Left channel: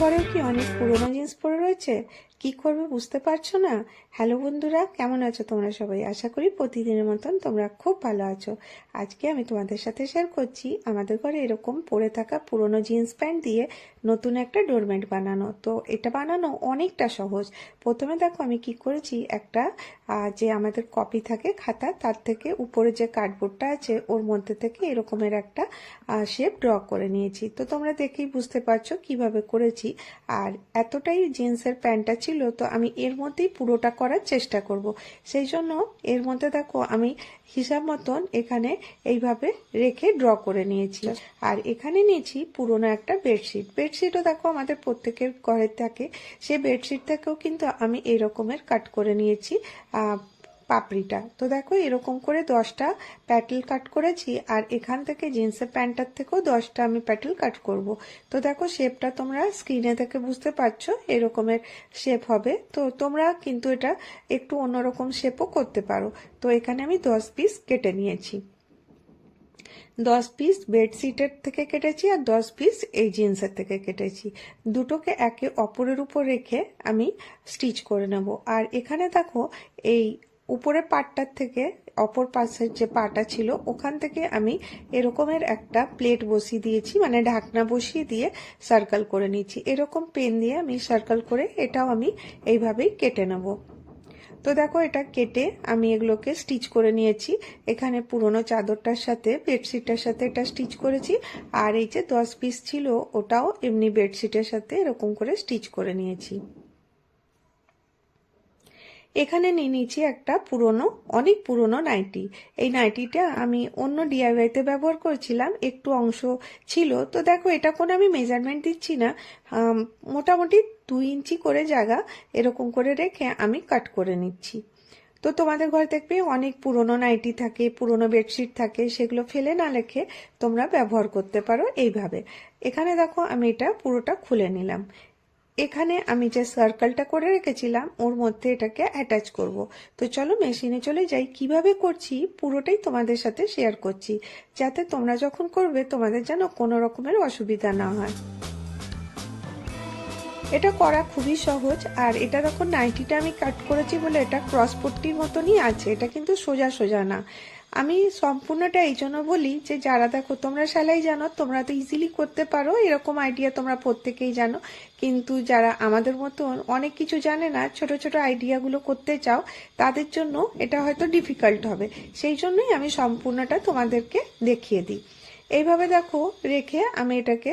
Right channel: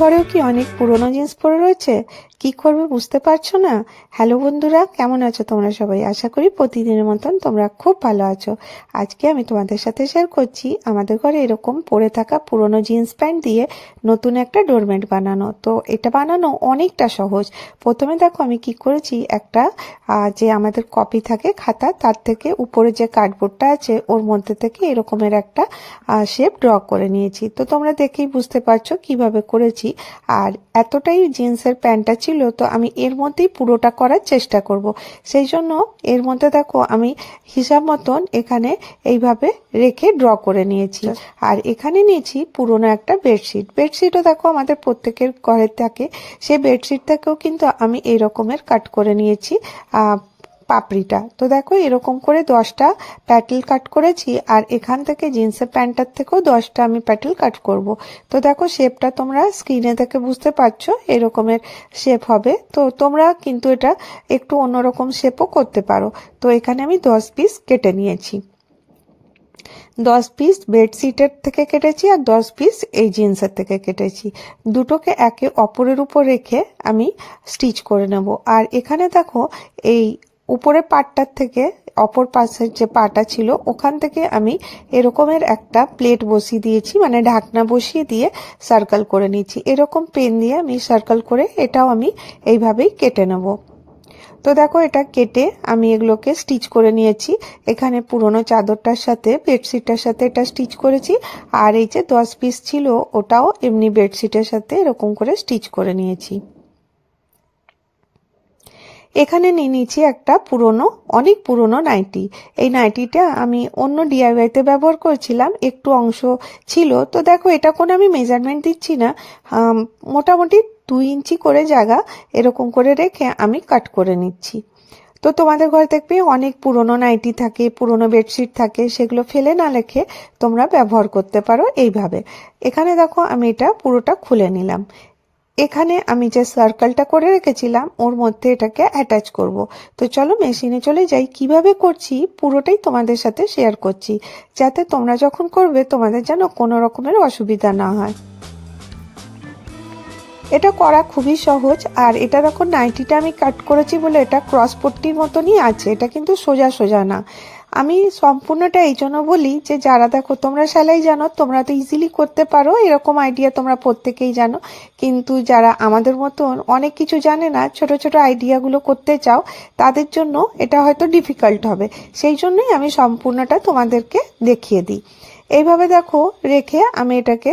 ঘরেও কি অনেক পুরনো জিন্স পরে রয়েছে? কি করবে বুঝতে পারছ না? হ্যালো বন্ধুরা, কেমন আছো তোমরা সবাই? আশা করি প্রতিদিনের মতন তোমরা খুব ভালো আছো। আজকে আমি তোমাদের সাথে শেয়ার করছি আমাদের ঘরে এরকম পরে থাকা পুরনো জিন্স প্যান্ট দিয়ে নতুন একটা ডোরমেট বানানো। তো এটা বানানো অনেকটা সহজ। প্রথমে দেখো আমি কি করেছি, একটা যে আমাদের কপি থাকে খাতা, তার থেকে উপরে যে কার্ডবোর্ডটা আছে, ওর মধ্যে থেকে এরকমের একটা শেপ ড্র করে নিয়েছি। তো তোমরা দেখেই বুঝতে পারছ কীভাবে করেছি। আর এতটাই জিন্সের প্যান্টটা ছিল তো আমি এর মধ্যেই পুরোটা করার চেষ্টা করব। সেই জন্য এর মধ্যে দেখো আমি হিসাব মতন এখানে এইভাবে রেখে ড্র করে নিয়েছি। আর এখানে নিয়েছি পুরোনো একটা বেডশিট। বেডশিটও দেখো আমাদের প্রত্যেকের ঘরে থাকে। সেই বেডশিট থেকেও কিন্তু আমি এই রকমের কাট করে নিয়েছি। পাপড়িটা। তো দেখো, এরকম করে দশটা প্যাটেল কাট করেছি, আর এখান থেকে জিন্সের প্যান্টটার থেকেও দশটা আমি প্যাটেল কাট করব। তো দেখো, শেপটা তোমরা স্ক্রিনে থেকে বুঝতে পারছ, এরকমের শেপ হবে। তো তোমরা কিন্তু এটা একটু অন্যরকম শেপও করতে পারো। তো এখানে আমি দশ পিস কেটে নিয়েছি। দশ পিস বেডশিটের থেকে কেটেছি, আর দশ পিস এই জিন্সের থেকে কেটেছি। দুটোকে একে অপরের উপর রেখে আমি স্টিচ করে নেব। আর এখানে দেখো, এই উপরের পাটটার থেকে অপর পাশের যে পাটা ছিল, ওখান থেকে আমি এরকমের একটা প্লেট বসিয়ে দিয়েছি মানে ঢাকনা বসিয়ে দিয়ে সার্কেল করে নিয়েছি। এরকম পেন দিয়ে আমি সার্কেল করে এটাও আমি এইভাবেই কেটে নেব। তো দেখো এটা কেটে আমি এগুলোকে স্টিচ করে নিয়েছি। এখানে পুরনো চাদরটার সাথে বেডশিটটার সাথে এটা স্টিচ করেছি। আর এই যে দশ পিস ছিল, ওটাও এমনি বেডশিটের সাথে এরকম করে স্টিচ করে নিয়েছি। এখানে নিয়ে নিয়েছি একটা পুরনো, অনেক পুরনো নাইটি। এই নাইটিটা আমি অন্য ডিআইওয়াইতে ব্যবহার করেছিলাম, একটু অংশ ছিল। তো দেখো, এটা কোনো আমি মেজারমেন্ট দিচ্ছি না। মোটামুটি দুই ইঞ্চি করে জায়গা এরকম করে রেখে আমি কাট করে নিচ্ছি। তো তোমাদের ঘরে দেখবে অনেক পুরনো নাইটি থাকে, পুরনো বেডশিট থাকে, সেগুলো ফেলে না রেখে তোমরা ব্যবহার করতে পারো এইভাবে। এখানে দেখো, আমি এটা পুরোটা খুলে নিলাম। এখানে আমি যে সার্কেলটা করে রেখেছিলাম, ওর মধ্যে এটাকে অ্যাটাচ করব। তো চলো মেশিনে চলে যাই। কীভাবে করছি, পুরোটাই তোমাদের সাথে শেয়ার করছি। যাতে তোমরা যখন করবে, তোমাদের যেন কোনো রকমের অসুবিধা না হয়। এটা করা খুবই সহজ। আর এটা দেখো নাইটিটা আমি কাট করেছি বলে এটা ক্রস পট্টির মতনই আছে। এটা কিন্তু সোজা সোজা না। আমি সম্পূর্ণটা এই জন্য বলি যে, যারা দেখো, তোমরা সেলাই জানো, তোমরা তো ইজিলি করতে পারো, এরকম আইডিয়া তোমরা প্রত্যেকেই জানো। কিন্তু যারা আমাদের মতন অনেক কিছু জানে না, ছোট ছোট আইডিয়াগুলো করতে চাও, তাদের জন্য এটা হয়তো ডিফিকাল্ট হবে। সেই জন্যই আমি সম্পূর্ণটা তোমাদেরকে দেখিয়ে দিই। এইভাবে দেখো, রেখে আমি এটাকে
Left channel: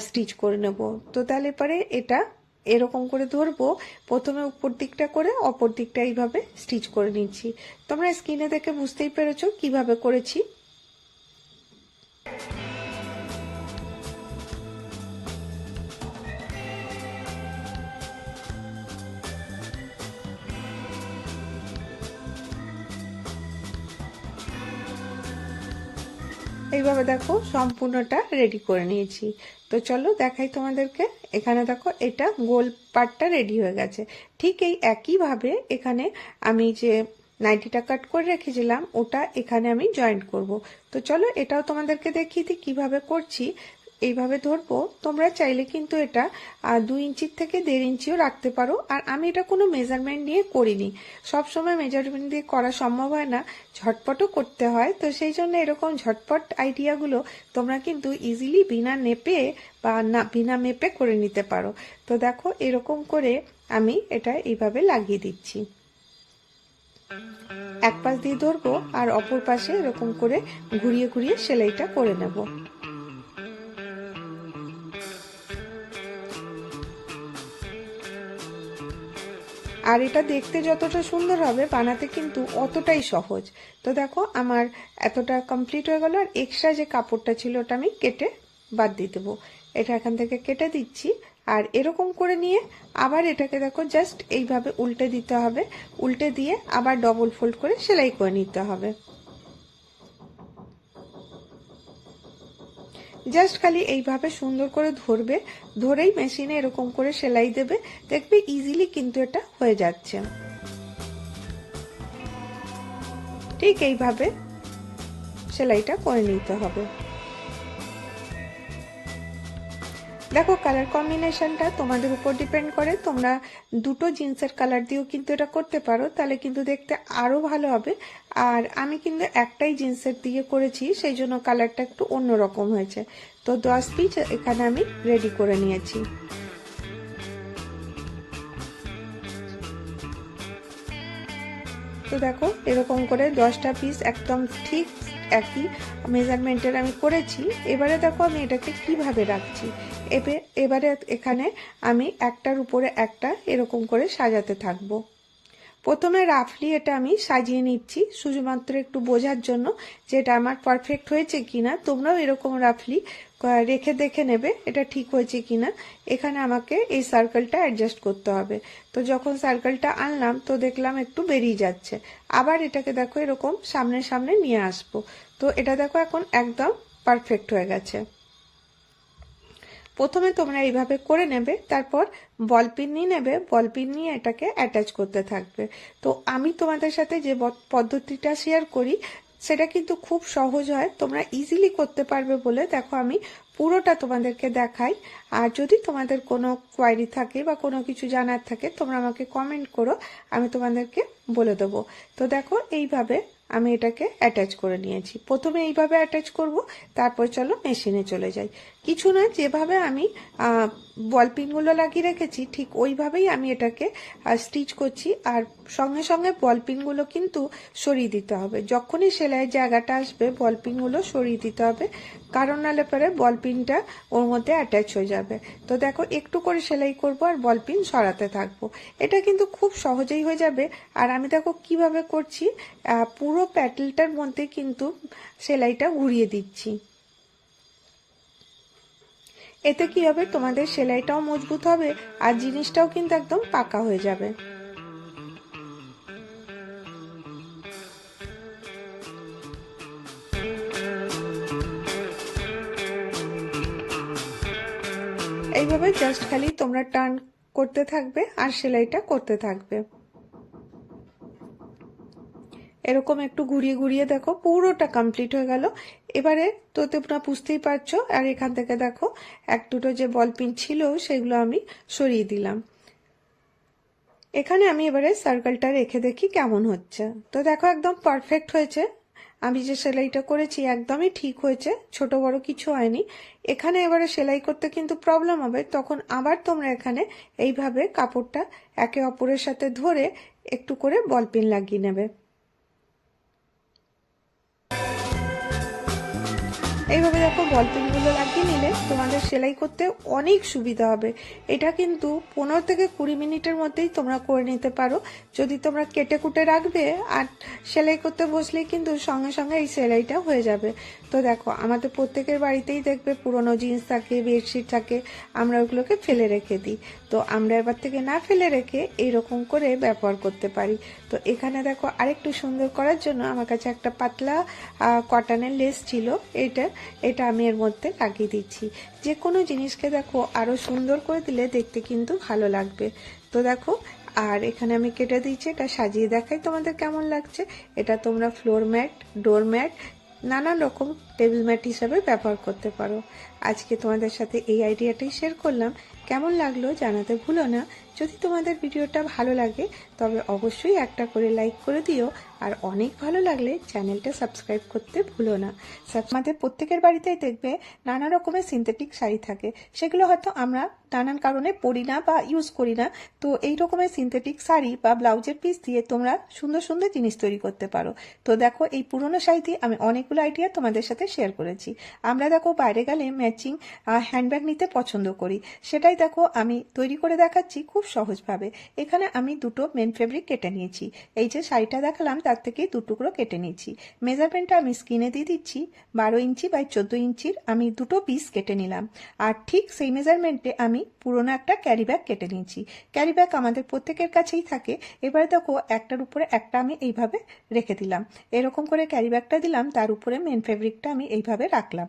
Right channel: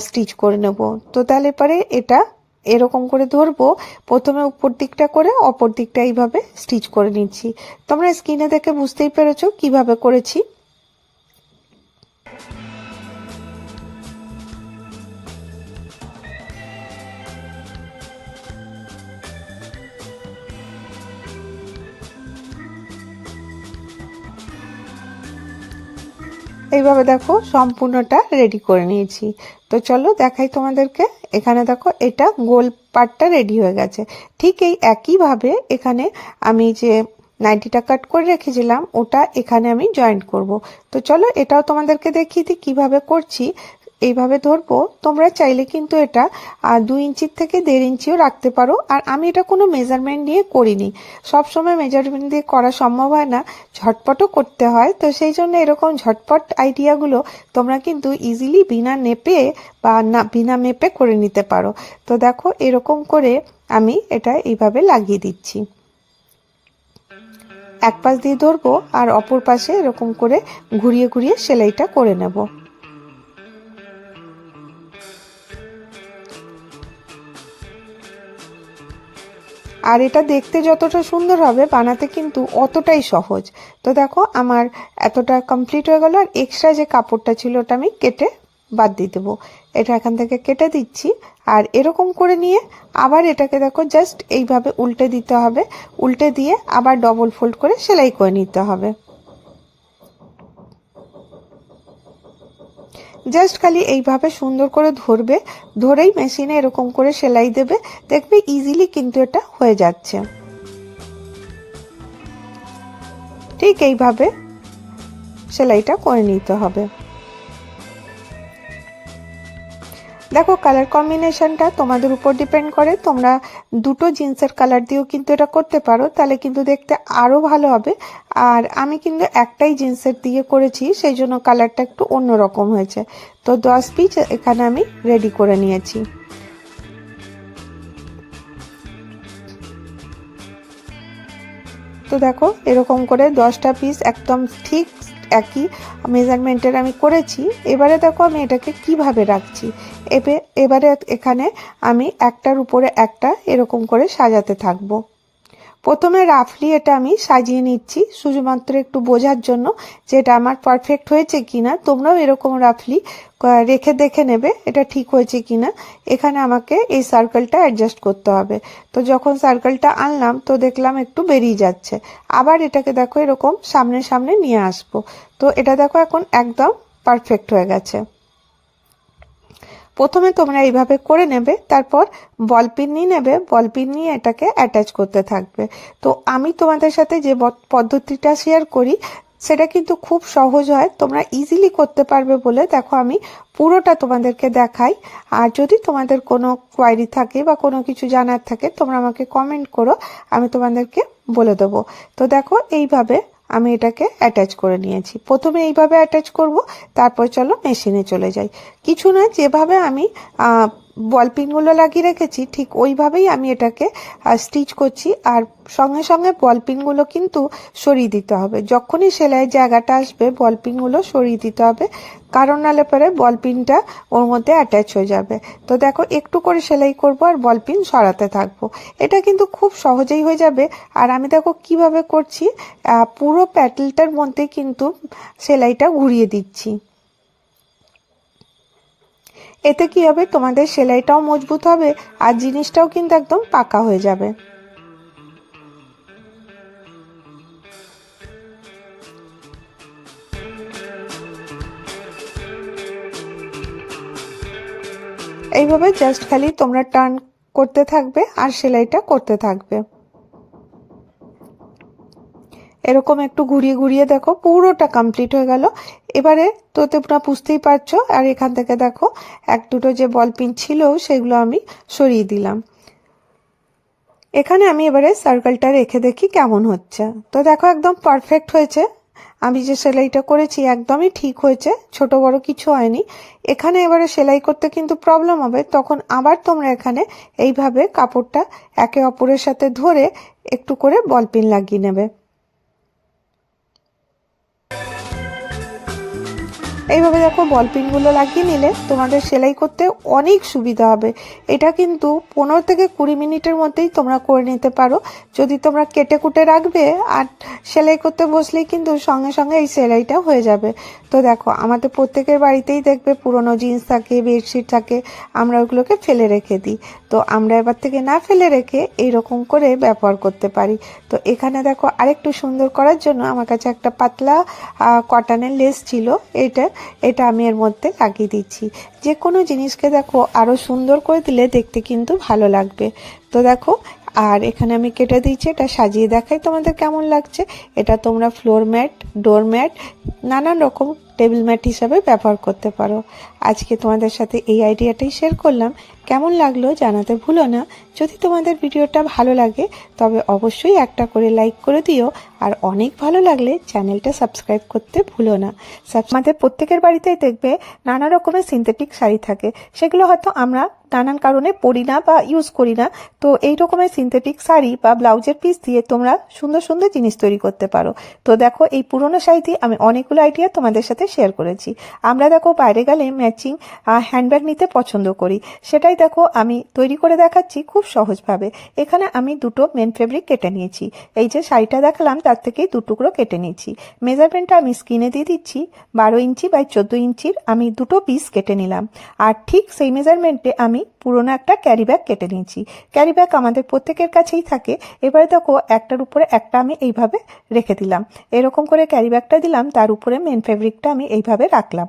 স্টিচ করে নেব। তো তাহলে পরে এটা এরকম করে ধরবো। প্রথমে উপর দিকটা করে অপর দিকটা এইভাবে স্টিচ করে নিচ্ছি। তোমরা স্ক্রিনে দেখে বুঝতেই পেরেছ কীভাবে করেছি। এইভাবে দেখো সম্পূর্ণটা রেডি করে নিয়েছি। তো চলো দেখাই তোমাদেরকে। এখানে দেখো, এটা গোল পার্টটা রেডি হয়ে গেছে। ঠিক এই একইভাবে এখানে আমি যে নাইটিটা কাট করে রেখেছিলাম, ওটা এখানে আমি জয়েন্ট করব। তো চলো এটাও তোমাদেরকে দেখিয়ে দিই কীভাবে করছি। এইভাবে ধরবো, তোমরা চাইলে কিন্তু এটা দুই ইঞ্চির থেকে দেড় ইঞ্চিও রাখতে পারো। আর আমি এটা কোনো মেজারমেন্ট নিয়ে করিনি। সব সময় মেজারমেন্ট দিয়ে করা সম্ভব হয় না, ঝটপটও করতে হয়। তো সেই জন্য এরকম ঝটপট আইডিয়াগুলো তোমরা কিন্তু ইজিলি বিনা নেপে বা না, বিনা মেপে করে নিতে পারো। তো দেখো, এরকম করে আমি এটা এইভাবে লাগিয়ে দিচ্ছি। এক পাশ দিয়ে ধরবো, আর অপর পাশে এরকম করে ঘুরিয়ে ঘুরিয়ে সেলাইটা করে নেব। আর এটা দেখতে যতটা সুন্দর হবে বানাতে কিন্তু অতটাই সহজ। তো দেখো, আমার এতটা কমপ্লিট হয়ে গেল আর এক্সট্রা যে কাপড়টা ছিল ওটা আমি কেটে বাদ দিয়ে দেবো। এটা এখান থেকে কেটে দিচ্ছি আর এরকম করে নিয়ে আবার এটাকে দেখো জাস্ট এইভাবে উল্টে দিতে হবে। উল্টে দিয়ে আবার ডবল ফোল্ড করে সেলাই করে নিতে হবে। জাস্ট খালি এইভাবে সুন্দর করে ধরবে, ধরেই মেশিনে এরকম করে সেলাই দেবে, দেখবে ইজিলি কিন্তু এটা হয়ে যাচ্ছে। ঠিক এইভাবে সেলাইটা করে নিতে হবে। দেখো কালার কম্বিনেশনটা তোমাদের উপর ডিপেন্ড করে, তোমরা দুটো জিন্সের কালার দিয়েও কিন্তু এটা করতে পারো, তাহলে কিন্তু দেখতে আরও ভালো হবে। আর আমি কিন্তু একটাই জিন্সের দিয়ে করেছি, সেই জন্য কালারটা একটু অন্যরকম হয়েছে। তো দশ পিস এখানে আমি রেডি করে নিয়েছি। তো দেখো এরকম করে দশটা পিস একদম ঠিক একই মেজারমেন্টের আমি করেছি। এবারে দেখো আমি এটাকে কীভাবে রাখছি? এবে, এবারে এখানে আমি একটার উপরে একটা এরকম করে সাজাতে থাকব। প্রথমে রাফলি এটা আমি সাজিয়ে নিচ্ছি, শুধুমাত্র একটু বোঝার জন্য যে এটা আমার পারফেক্ট হয়েছে কিনা। তোমরাও এরকম রাফলি রেখে দেখে নেবে এটা ঠিক হয়েছে কিনা। এখানে আমাকে এই সার্কেলটা অ্যাডজাস্ট করতে হবে। তো যখন সার্কেলটা আনলাম, তো দেখলাম একটু বেরিয়ে যাচ্ছে। আবার এটাকে দেখো এরকম সামনে সামনে নিয়ে আসব। তো এটা দেখো এখন একদম পারফেক্ট হয়ে গেছে। প্রথমে তোমরা এইভাবে করে নেবে, তারপর বল পিন নিয়ে নেবে। বল পিন নিয়ে এটাকে অ্যাটাচ করতে থাকবে। তো আমি তোমাদের সাথে যে পদ্ধতিটা শেয়ার করি সেটা কিন্তু খুব সহজ হয়। তোমরা ইজিলি করতে পারবে বলে দেখো আমি পুরোটা তোমাদেরকে দেখাই। আর যদি তোমাদের কোনো কোয়ারি থাকে বা কোনো কিছু জানার থাকে তোমরা আমাকে কমেন্ট করো, আমি তোমাদেরকে বলে দেবো। তো দেখো এইভাবে আমি এটাকে অ্যাটাচ করে নিয়েছি। প্রথমে এইভাবে অ্যাটাচ করব, তারপর চলো মেশিনে চলে যাই। কিছু না, যেভাবে আমি বল পিনগুলো লাগিয়ে রেখেছি, ঠিক ওইভাবেই আমি এটাকে স্টিচ করছি। আর সঙ্গে সঙ্গে বল পিনগুলো কিন্তু সরিয়ে দিতে হবে। যখনই সেলাইয়ের জায়গাটা আসবে বল পিনগুলো সরিয়ে দিতে হবে। কারণ নালে পরে বল পিনটা ওর মধ্যে অ্যাটাচ হয়ে যাবে। তো দেখো, একটু করে সেলাই করব আর বল পিন সরাতে থাকব। এটা কিন্তু খুব সহজেই হয়ে যাবে। আর আমি দেখো কীভাবে করছি পুরো প্যাটেলটার মধ্যে কিন্তু সেলাইটা ঘুরিয়ে দিচ্ছি। এতে কি হবে? তোমাদের সেলাইটাও মজবুত হবে আর জিনিসটাও কিন্তু একদম পাকা হয়ে যাবে। এইভাবে জাস্ট খালি তোমরা টার্ন করতে থাকবে আর সেলাইটা করতে থাকবে। এরকম একটু ঘুরিয়ে ঘুরিয়ে দেখো, পুরোটা কমপ্লিট হয়ে গেল। এবারে তো তোমরা বুঝতেই পারছ, আর এখান থেকে দেখো, এক দুটো যে বল পিন ছিল, সেগুলো আমি সরিয়ে দিলাম। এখানে আমি এবারে সার্কেলটা রেখে দেখি কেমন হচ্ছে। তো দেখো একদম পারফেক্ট হয়েছে। আমি যে সেলাইটা করেছি একদমই ঠিক হয়েছে, ছোট বড় কিছু হয়নি। এখানে এবারে সেলাই করতে কিন্তু প্রবলেম হবে, তখন আবার তোমরা এখানে এইভাবে কাপড়টা একে অপরের সাথে ধরে একটু করে বলপিন লাগিয়ে নেবে। এইভাবে দেখো বল পিনগুলো লাগিয়ে নিলে তোমাদের সেলাই করতে অনেক সুবিধা হবে। এটা কিন্তু পনেরো থেকে কুড়ি মিনিটের মধ্যেই তোমরা করে নিতে পারো। যদি তোমরা কেটে কুটে রাখবে আর সেলাই করতে বসলেই কিন্তু সঙ্গে সঙ্গে এই সেলাইটা হয়ে যাবে। তো দেখো, আমাদের প্রত্যেকের বাড়িতেই দেখবে পুরনো জিন্স থাকে, বেডশিট থাকে, আমরা ওগুলোকে ফেলে রেখে দিই। তো আমরা এবার থেকে না ফেলে রেখে এইরকম করে ব্যবহার করতে পারি। তো এখানে দেখো, আরেকটু সুন্দর করার জন্য আমার কাছে একটা পাতলা কটনের লেস ছিল এটা এটা আমি এর মধ্যে লাগিয়ে দিচ্ছি। যে কোনো জিনিসকে দেখো আরও সুন্দর করে দিলে দেখতে কিন্তু ভালো লাগবে। তো দেখো আর এখানে আমি কেটে দিচ্ছি এটা সাজিয়ে দেখাই তোমাদের কেমন লাগছে। এটা তোমরা ফ্লোর ম্যাট ডোর ম্যাট নানান রকম টেবিল ম্যাট হিসাবে ব্যবহার করতে পারো। আজকে তোমাদের সাথে এই আইডিয়াটাই শেয়ার করলাম। কেমন লাগল জানাতে ভুলো না। যদি তোমাদের ভিডিওটা ভালো লাগে, তবে অবশ্যই একটা করে লাইক করে দিও। আর অনেক ভালো লাগলে চ্যানেলটা সাবস্ক্রাইব করতে ভুলো না। আমাদের প্রত্যেকের বাড়িতেই দেখবে নানা রকমের সিনথেটিক শাড়ি থাকে। সেগুলো হয়তো আমরা নানান কারণে পরি না বা ইউজ করি না। তো এই রকমের সিনথেটিক শাড়ি বা ব্লাউজের পিস দিয়ে তোমরা সুন্দর সুন্দর জিনিস তৈরি করতে পারো। তো দেখো, এই পুরনো শাড়ি আমি অনেকগুলো আইডিয়া তোমাদের সাথে শেয়ার করেছি। আমরা দেখো বাইরে গেলে ম্যাচিং হ্যান্ডব্যাগ নিতে পছন্দ করি। সেটাই দেখো, আমি তৈরি করে দেখাচ্ছি খুব সহজভাবে। এখানে আমি দুটো মেন ফেব্রিক কেটে নিয়েছি। এই যে শাড়িটা দেখালাম, তার থেকেই দু টুকরো কেটে নিয়েছি। মেজারমেন্টটা আমি স্কিনে দিয়ে দিচ্ছি। বারো ইঞ্চি বাই চোদ্দ ইঞ্চির আমি দুটো পিস কেটে নিলাম। আর ঠিক সেই মেজারমেন্টে আমি পুরোনো একটা ক্যারি ব্যাগ কেটে নিয়েছি। ক্যারি ব্যাগ আমাদের প্রত্যেকের কাছেই থাকে। এবারে দেখো, একটার উপরে একটা আমি এইভাবে রেখে দিলাম। এরকম করে ক্যারি ব্যাগটা দিলাম, তার উপরে মেন ফেব্রিকটা আমি এইভাবে রাখলাম।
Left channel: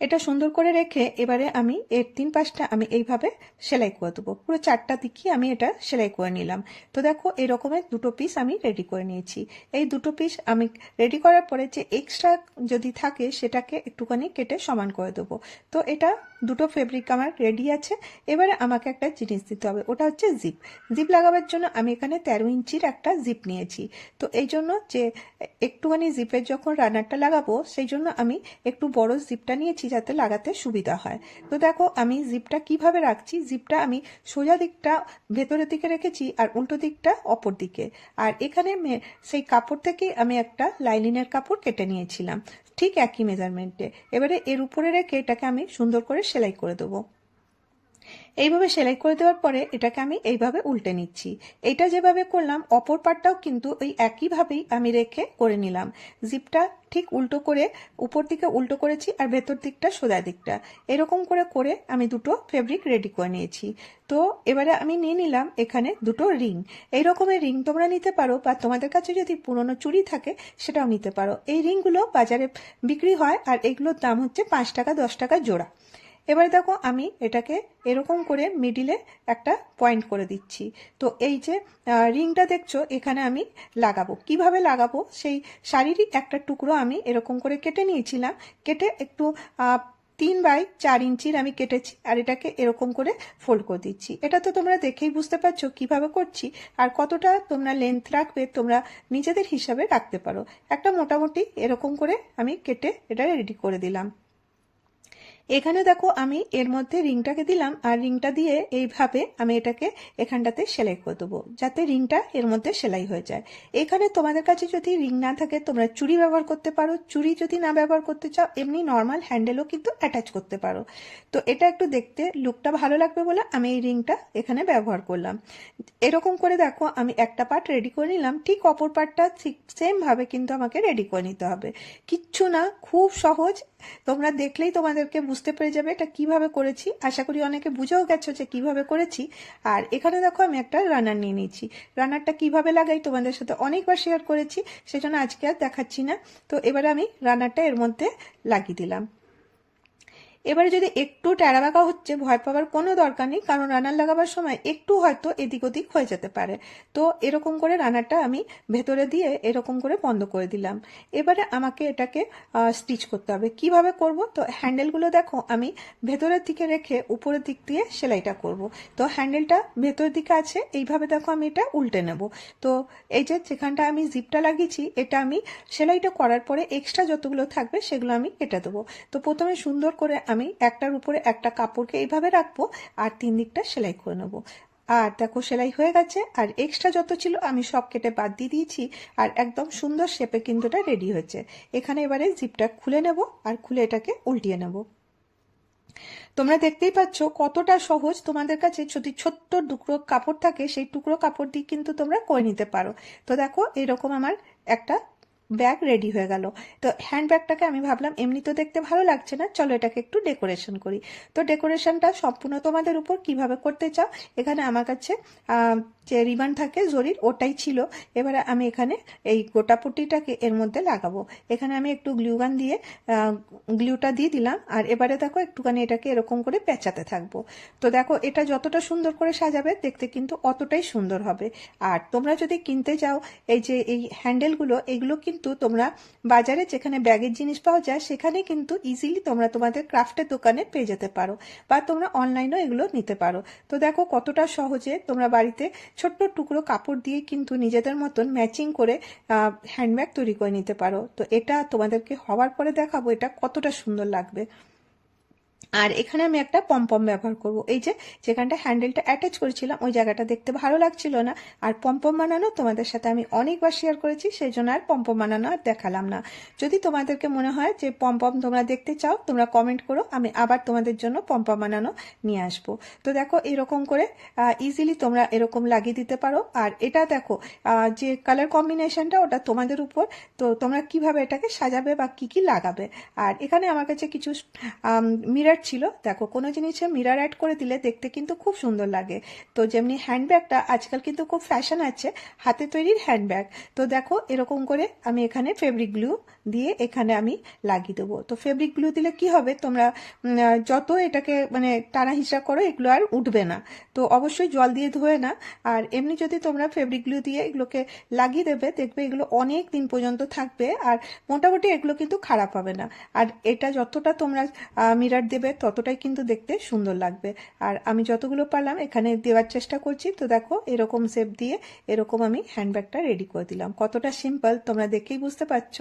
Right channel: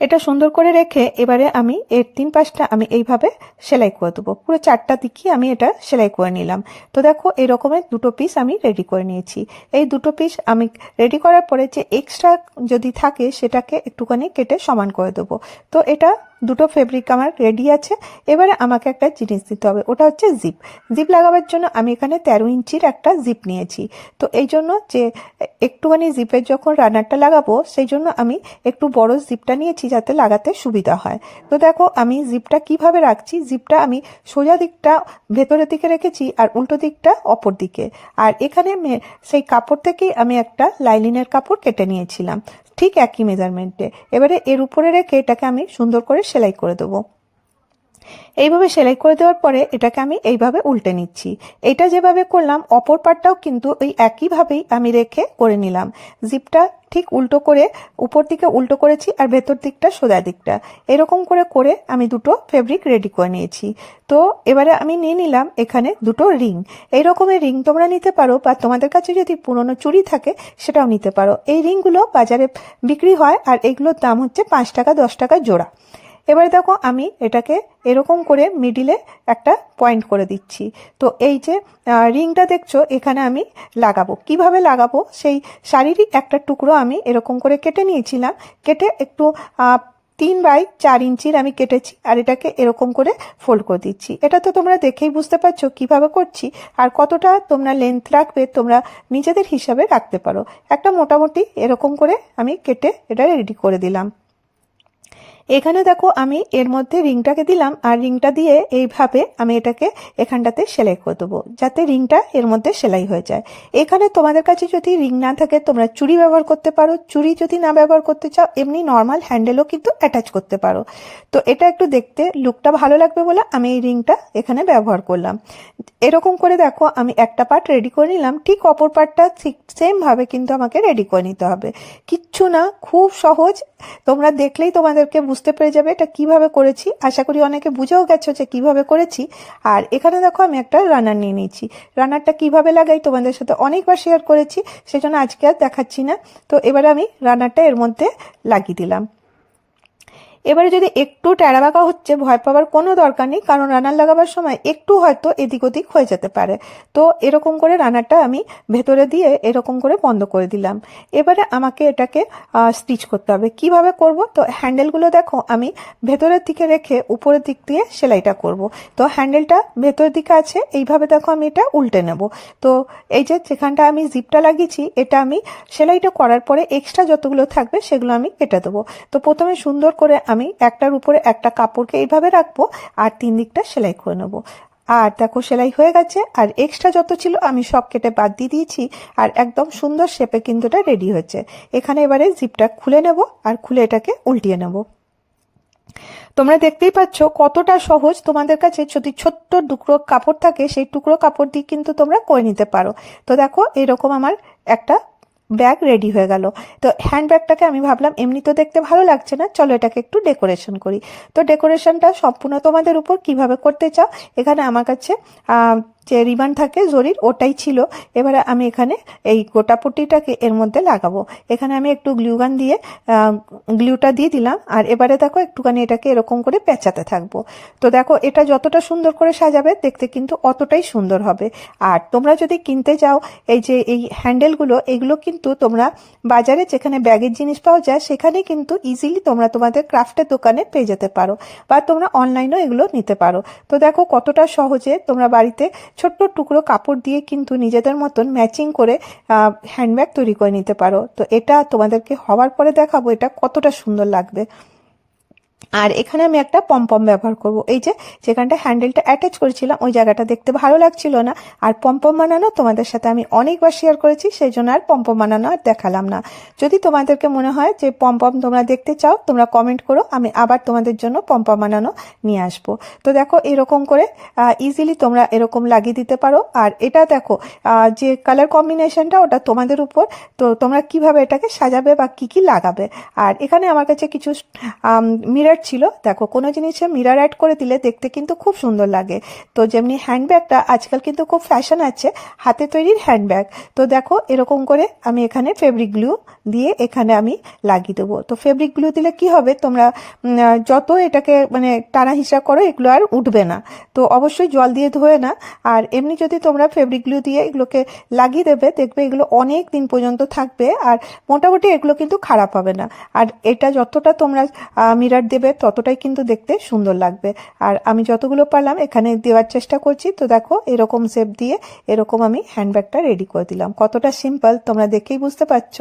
এটা সুন্দর করে রেখে এবারে আমি এর তিন পাশটা আমি এইভাবে সেলাই করে দেবো। পুরো চারটা দিকই আমি এটা সেলাই করে নিলাম। তো দেখো এই রকমের দুটো পিস আমি রেডি করে নিয়েছি। এই দুটো পিস আমি রেডি করার পরে যে এক্সট্রা যদি থাকে, সেটাকে একটুখানি কেটে সমান করে দেবো। তো এটা দুটো ফেব্রিক আমার রেডি আছে। এবারে আমাকে একটা জিনিস দিতে হবে, ওটা হচ্ছে জিপ জিপ লাগাবার জন্য আমি এখানে তেরো ইঞ্চির একটা জিপ নিয়েছি। তো এই জন্য যে একটুখানি জিপের যখন রানারটা লাগাবো, সেই জন্য আমি একটু বড় জিপটা নিয়েছি যাতে লাগাতে সুবিধা হয়। তো দেখো, আমি জিপটা কীভাবে রাখছি? জিপটা আমি সোজা দিকটা ভেতরের দিকে রেখেছি আর উল্টো দিকটা অপর দিকে। আর এখানে সেই কাপড় থেকেই আমি একটা লাইলিনের কাপড় কেটে নিয়েছিলাম। ঠিক একই মেজারমেন্টে এবারে এর উপরে রেখে এটাকে আমি সুন্দর করে সেলাই করে দেবো। এইভাবে সেলাই করে দেওয়ার পরে এটাকে আমি এইভাবে উল্টে নিচ্ছি। এটা যেভাবে করলাম, অপর পাটটাও কিন্তু ওই একইভাবেই আমি রেখে করে নিলাম। জিপটা ঠিক উল্টো করে, উপর দিকে উল্টো করেছি আর ভেতর দিকটা সোজা দিকটা। এরকম করে করে আমি দুটো ফেব্রিক রেডি করে নিয়েছি। তো এবারে আমি নিয়ে নিলাম এখানে দুটো রিং এই রকমের রিং তোমরা নিতে পারো বা তোমাদের কাছে যদি পুরনো চুড়ি থাকে, সেটাও নিতে পারো। এই রিংগুলো বাজারে বিক্রি হয় আর এগুলোর দাম হচ্ছে পাঁচ টাকা, দশ টাকা জোড়া। এবারে দেখো আমি এটাকে এরকম করে মিডিলে একটা পয়েন্ট করে দিচ্ছি। তো এই যে রিংটা দেখছ, এখানে আমি লাগাবো। কীভাবে লাগাবো? সেই শাড়িরই একটা টুকরো আমি এরকম করে কেটে নিয়েছিলাম। কেটে একটু তিন বাই চার ইঞ্চির আমি কেটেছি আর এটাকে এরকম করে ফোল্ড করে দিচ্ছি। এটা তো তোমরা দেখেই বুঝতে পারছ কীভাবে করছি আর কতটা তোমরা লেন্থ রাখবে, তোমরা নিজেদের হিসাবে রাখতে পারো। একটা মোটামুটি এরকম করে আমি কেটে এটা রেডি করে দিলাম। এখানে দেখো আমি এর মধ্যে রিংটাকে দিলাম, আর রিংটা দিয়ে এইভাবে আমি এটাকে এখানটাতে সেলাই করে দেবো, যাতে রিংটা এর মধ্যে সেলাই হয়ে যায়। এখানে তোমাদের কাছে যদি রিং না থাকে, তোমরা চুড়ি ব্যবহার করতে পারো, চুড়ি যদি না ব্যবহার করতে চাও, এমনি নর্মাল হ্যান্ডেলও কিন্তু অ্যাটাচ করতে পারো। তো এটা একটু দেখতে লুকটা ভালো লাগবে বলে আমি এই রিংটা এখানে ব্যবহার করলাম। এরকম করে দেখো, আমি একটা পার্ট রেডি করে নিলাম, ঠিক অপর পার্টটা ঠিক সেমভাবে কিন্তু আমাকে রেডি করে নিতে হবে। কিচ্ছু না, খুব সহজ। তোমরা দেখলেই তোমাদেরকে বুঝতে পেরে যাবে এটা কীভাবে করেছি। আশা করি অনেকে বুঝেও গেছো যে কীভাবে করেছি। আর এখানে দেখো আমি একটা রানার নিয়ে নিয়েছি। রানারটা কীভাবে লাগাই তোমাদের সাথে অনেকবার শেয়ার করেছি, সেজন্য আজকে আর দেখাচ্ছি না। তো এবারে আমি রানারটা এর মধ্যে লাগিয়ে দিলাম। এবারে যদি একটু ট্যাড়া বাঁকা হচ্ছে, ভয় পাওয়ার কোনো দরকার নেই, কারণ রানার লাগাবার সময় একটু হয়তো এদিক ওদিক হয়ে যেতে পারে। তো এরকম করে রানারটা আমি ভেতরে দিয়ে এরকম করে বন্ধ করে দিলাম। এবারে আমাকে এটাকে স্টিচ করতে হবে। কীভাবে করব? তো হ্যান্ডেলগুলো দেখো, আমি ভেতরের দিকে রেখে উপরের দিক দিয়ে সেলাইটা করব। তো হ্যান্ডেলটা ভেতরের দিকে আছে, এইভাবে দেখো আমি এটা উল্টে নেব। তো এই যে যেখানটা আমি জিপটা লাগিয়েছি, এটা আমি সেলাইটা করার পরে এক্সট্রা যতগুলো থাকবে সেগুলো আমি কেটে দেবো। তো প্রথমে সুন্দর করে আমি একটার উপরে একটা কাপড়কে এইভাবে রাখব আর তিন দিকটা সেলাই করে নেব। আর দেখো সেলাই হয়ে গেছে, আর এক্সট্রা যত ছিল আমি সব কেটে বাদ দিয়ে দিয়েছি, আর একদম সুন্দর শেপে কিন্তু এটা রেডি হয়েছে। এখানে এবারে জিপটা খুলে নেব আর খুলে এটাকে উল্টিয়ে নেব। তোমরা দেখতেই পাচ্ছ কতটা সহজ। তোমাদের কাছে যদি ছোট্ট টুকরো কাপড় থাকে, সেই টুকরো কাপড় দিয়ে কিন্তু তোমরা করে নিতে পারো। তো দেখো এরকম আমার একটা ব্যাগ রেডি হয়ে গেল। তো হ্যান্ডব্যাগটাকে আমি ভাবলাম, এমনি তো দেখতে ভালো লাগছে না, চলো এটাকে একটু ডেকোরেশন করি। তো ডেকোরেশনটা সম্পূর্ণ তোমাদের উপর কীভাবে করতে চাও, এখানে আমার কাছে যে রিবান থাকে, জরির, ওটাই ছিল। এবারে আমি এখানে এই গোটা পুটিটাকে এর মধ্যে লাগাবো। এখানে আমি একটু গ্লুগান দিয়ে গ্লুটা দিয়ে দিলাম। আর এবারে দেখো, একটুখানি এটাকে এরকম করে পেঁচাতে থাকব। তো দেখো, এটা যতটা সুন্দর করে সাজাবে, দেখতে কিন্তু অতটাই সুন্দর হবে। আর তোমরা যদি কিনতে যাও এই যে, এই হ্যান্ডেলগুলো, এগুলো কিন্তু তোমরা বাজারে যেখানে ব্যাগের জিনিস পাওয়া যায়, সেখানে কিন্তু ইজিলি তোমরা তোমাদের ক্রাফটের দোকানে পেয়ে যেতে পারো। বা তোমরা অনলাইনেও এগুলো নিতে পারো। তো দেখো, কতটা সহজে তোমরা বাড়িতে ছোট্ট টুকরো কাপড় দিয়ে কিন্তু নিজেদের মতন ম্যাচিং করে হ্যান্ডব্যাগ তৈরি করে নিতে পারো। তো এটা তোমাদেরকে হওয়ার পরে দেখাবো এটা কতটা সুন্দর লাগবে। আর এখানে আমি একটা পমপম ব্যবহার করব। এই যে, যেখানটা হ্যান্ডেলটা অ্যাটাচ করেছিলাম, ওই জায়গাটা দেখতে ভালো লাগছিল না। আর পমপম বানানো তোমাদের সাথে আমি অনেকবার শেয়ার করেছি, সেই জন্য আর পমপম বানানো আর দেখালাম না। যদি তোমাদেরকে মনে হয় যে পমপম তোমরা দেখতে চাও, তোমরা কমেন্ট করো, আমি আবার তোমাদের জন্য পমপম বানানো নিয়ে আসব। তো দেখো, এরকম করে ইজিলি তোমরা এরকম লাগিয়ে দিতে পারো। আর এটা দেখো যে কালার কম্বিনেশনটা ওটা তোমাদের উপর। তো তোমরা কীভাবে এটাকে সাজাবে বা কি কি লাগাবে? আর এখানে আমার কাছে কিছু মিরার ছিল। দেখো, কোনো জিনিসে মিরার অ্যাড করে দিলে দেখতে কিন্তু খুব সুন্দর লাগে। তো যেমনি হ্যান্ডব্যাগটা আজকাল কিন্তু খুব ফ্যাশন আছে, হাতে তৈরির হ্যান্ডব্যাগ তো দেখো, এরকম করে আমি এখানে ফেব্রিক গ্লু দিয়ে এখানে আমি লাগিয়ে দেবো। তো ফেব্রিক গ্লু দিলে কি হবে? তোমরা যত এটাকে মানে টানা হিসাব করো, এগুলো আর উঠবে না। তো অবশ্যই জল দিয়ে ধোয়ে না। আর এমনি যদি তোমরা ফেব্রিক গ্লু দিয়ে এগুলোকে লাগিয়ে দেবে, দেখবে এগুলো অনেক দিন পর্যন্ত থাকবে। আর মোটামুটি এগুলো কিন্তু খারাপ হবে না। আর এটা যতটা তোমরা মিরার দিয়ে দেবে ততটাই কিন্তু দেখতে সুন্দর লাগবে। আর আমি যতগুলো পারলাম এখানে দেওয়ার চেষ্টা করছি। তো দেখো, এরকম শেপ দিয়ে এরকম আমি হ্যান্ডব্যাগটা রেডি করে দিলাম। কতটা সিম্পল তোমরা দেখেই বুঝতে পারছ।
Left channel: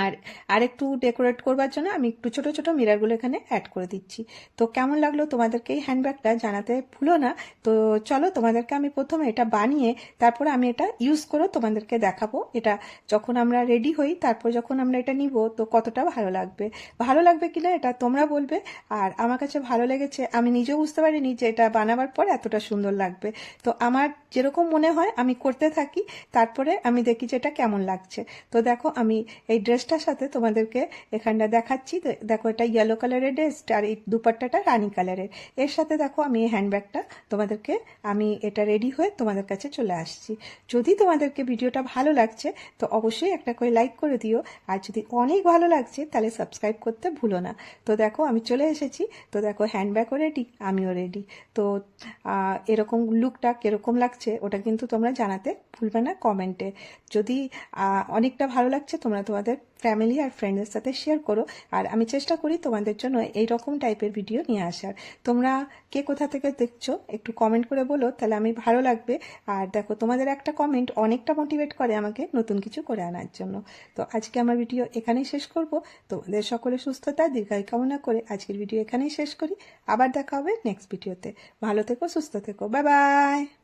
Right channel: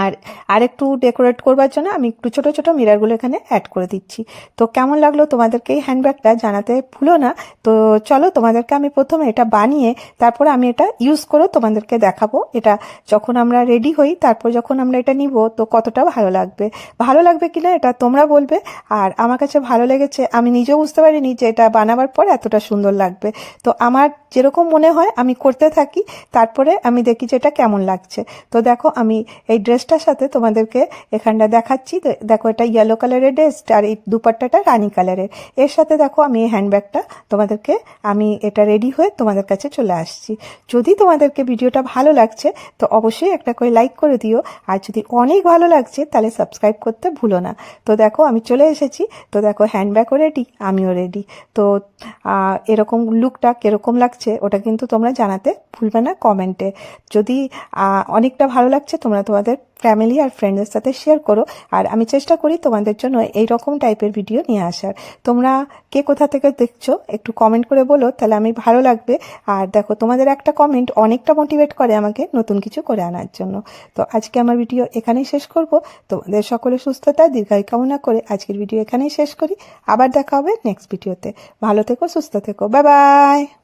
আর আরেকটু ডেকোরেট করবার জন্য আমি একটু ছোট ছোট মিরারগুলো এখানে অ্যাড করে দিচ্ছি। তো কেমন লাগল তোমাদেরকে এই হ্যান্ডব্যাগটা জানাতে ভুলো না? তো চলো তোমাদেরকে আমি প্রথমে এটা বানিয়ে তারপরে আমি এটা ইউজ করে তোমাদেরকে দেখাবো। এটা যখন আমরা রেডি হই, তারপর যখন আমরা এটা নিব, তো কতটা ভালো লাগবে। ভালো লাগবে কিনা এটা তোমরা বলবে। আর আমার কাছে ভালো লেগেছে, আমি নিজেও বুঝতে পারিনি যে এটা বানাবার পর এতটা সুন্দর লাগবে। তো আমার যেরকম মনে হয় আমি করতে থাকি, তারপরে আমি দেখি যে এটা কেমন লাগছে। তো দেখো আমি এই ড্রেসটার সাথে তোমাদেরকে এখানটা দেখাচ্ছি। দেখো, এটা ইয়েলো কালারের ড্রেস আর এই দুপাট্টাটা রানি কালারের এর সাথে দেখো, আমি এই হ্যান্ডব্যাগটা তোমাদেরকে, আমি এটা রেডি হয়ে তোমাদের কাছে চলে আসছি। যদি তোমাদেরকে ভিডিওটা ভালো লাগছে, তো অবশ্যই একটা করে লাইক করে দিও। আর যদি অনেক ভালো লাগছে, তাহলে সাবস্ক্রাইব করতে ভুলো না। তো দেখো, আমি চলে এসেছি। তো দেখো হ্যান্ডব্যাগও রেডি আমিও রেডি তো এরকম লুকটা কীরকম লাগছে, ওটা কিন্তু তোমরা জানাতে ভুলবে না কমেন্টে যদি অনেকটা ভালো লাগছে, তোমরা তোমাদের ফ্যামিলি আর ফ্রেন্ডের সাথে শেয়ার করো। আর আমি চেষ্টা করি তোমাদের জন্য এই রকম টাইপের ভিডিও নিয়ে আসার। তোমরা কে কোথা থেকে দেখছ, একটু কমেন্ট করে বলো, তাহলে আমি ভালো লাগবে। আর দেখো, তোমাদের একটা কমেন্ট অনেকটা মোটিভেট করে আমাকে নতুন কিছু করে আনার জন্য। তো আজকে আমার ভিডিও এখানেই শেষ করব। তোমাদের সকলে সুস্থতা, দীর্ঘায়ু কামনা করে আজকের ভিডিও এখানেই শেষ করি। আবার দেখা হবে নেক্সট ভিডিওতে ভালো থেকো, সুস্থ থেকো। Bye bye